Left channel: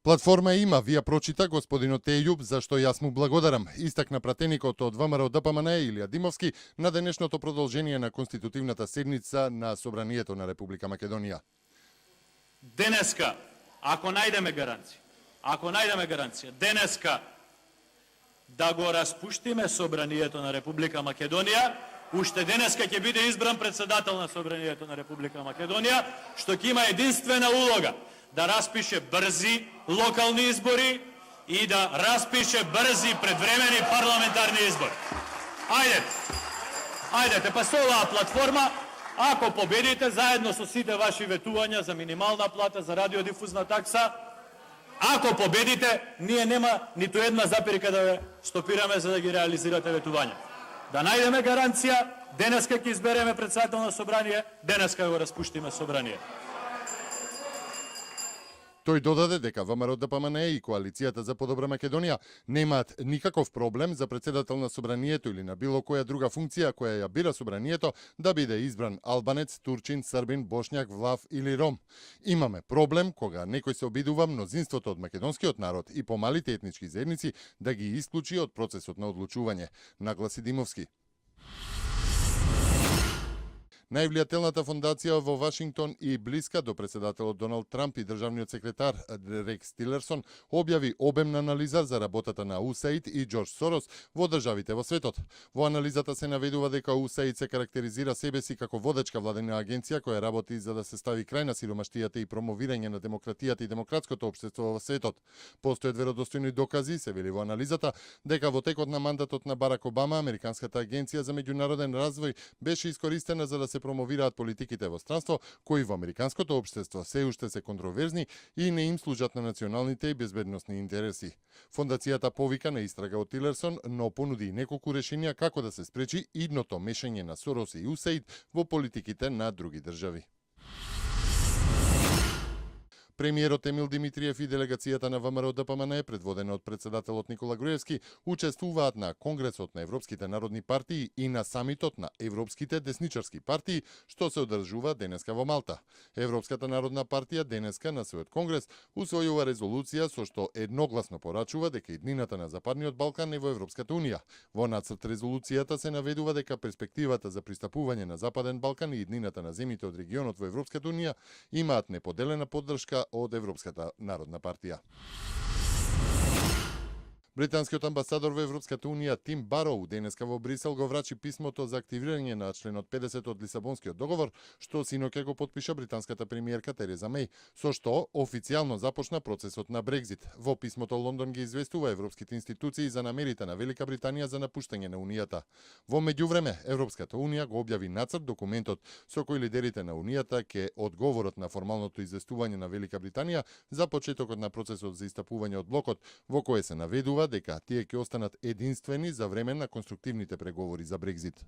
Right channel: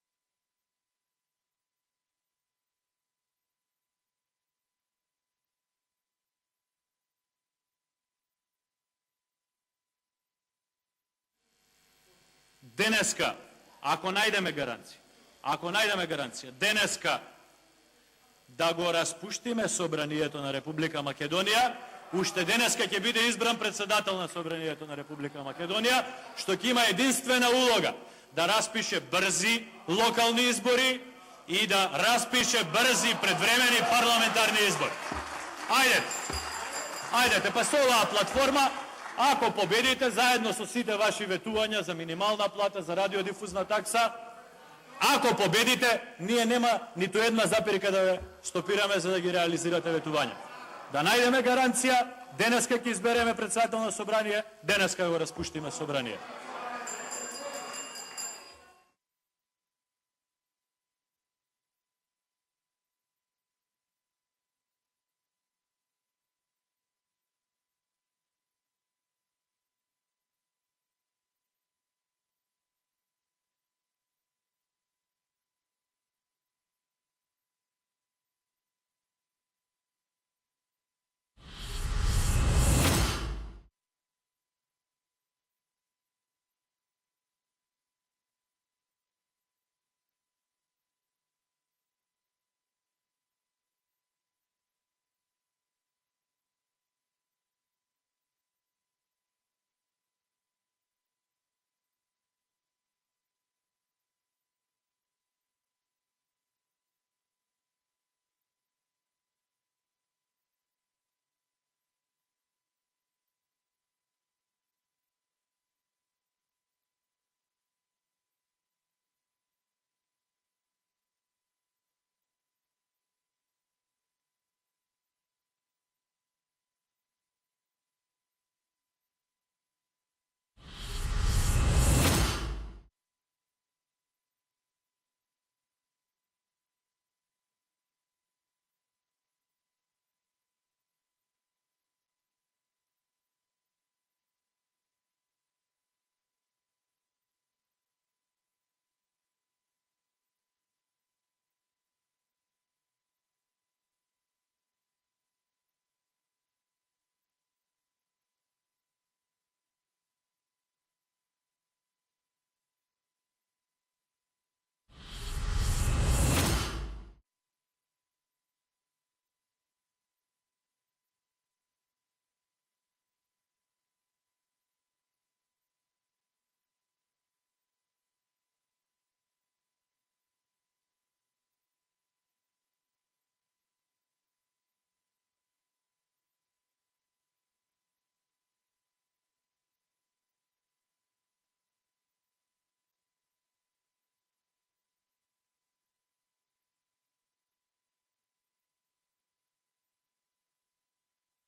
Платформа има, вија прочита господинот Ејуб, за што јас му благодарам. Истакна пратеникот од ВМРО ДПМН Илија Димовски на денешното продолжение на конститутивната седница на Собранието на Република Македонија. Денеска, ако најдеме гаранција, денеска да го распуштиме Собранието на Република Македонија, уште денеска ќе биде избран председател на Собранието на Република Македонија, што ќе има единствена улога да распише брзи локални избори и да распише брзи предвремени парламентарни избори. Ајдете, па со оваа платформа, ако победите заедно со сите ваши ветувања за минимална плата, за радиодифузна такса, ако победите, ние нема ниту една запирка да ве стопираме за да ги реализирате ветувања. Да најдеме гаранција, денеска ќе избереме председател на собрание, денеска го распуштиме собрание. Тој додаде дека ВМРО ДПМН и Коалицијата за подобра Македонија немаат никаков проблем за председател на Собранието или на било која друга функција која ја бира Собранието да биде избран албанец, турчин, србин, бошњак, влав или ром. Имаме проблем кога некој се обидува мнозинството од македонскиот народ и помалите етнички заедници да ги исклучи од процесот на одлучување, нагласи Димовски. Највлијателната фондација во Вашингтон и блиска до председателот Доналд Трамп и државниот секретар Рекс Тилерсон објави обемна анализа за работата на USAID и Џорџ Сорос во државите во светот. Во анализата се наведува дека USAID се карактеризира себе си како водечка владена агенција која работи за да се стави крај на сиромаштијата и промовирање на демократијата и демократското општество во светот. Постојат веродостојни докази, се вели во анализата, дека во текот на мандатот на Барак Обама, Американската агенција за меѓународен развој беше искористена за да се промовираат политиките во странство, кои во американското општество се уште се контроверзни и не им служат на националните и безбедносни интереси. Фондацијата повика на истрага од Тилерсон, но понуди и неколку решенија како да се спречи идното мешање на Сорос и USAID во политиките на други држави. Премиерот Емил Димитриев и делегацијата на ВМРО ДПМН, предводена од председателот Никола Груевски, учествуваат на Конгресот на Европските народни партии и на самитот на Европските десничарски партии, што се одржува денеска во Малта. Европската народна партија денеска на својот конгрес усвојува резолуција со што едногласно порачува дека иднината на Западниот Балкан е во Европската унија. Во нацрт резолуцијата се наведува дека перспективата за пристапување на Западен Балкан и иднината на земјите од регионот во Европската унија имаат неподелена поддршка од Европската народна партија. Британскиот амбасадор во Европската унија Тим Бароу денеска во Брисел го врачи писмото за активирање на членот 50 од Лисабонскиот договор, што синоќа го потпиша британската премиерка Тереза Меј, со што официјално започна процесот на Брекзит. Во писмото Лондон ги известува европските институции за намерите на Велика Британија за напуштање на Унијата. Во меѓувреме, Европската унија го објави нацрт документот со кој лидерите на Унијата ќе одговорат на формалното известување на Велика Британија за почетокот на процесот за истапување од блокот, во кое се наведува дека тие ќе останат единствени за време на конструктивните преговори за Брекзит.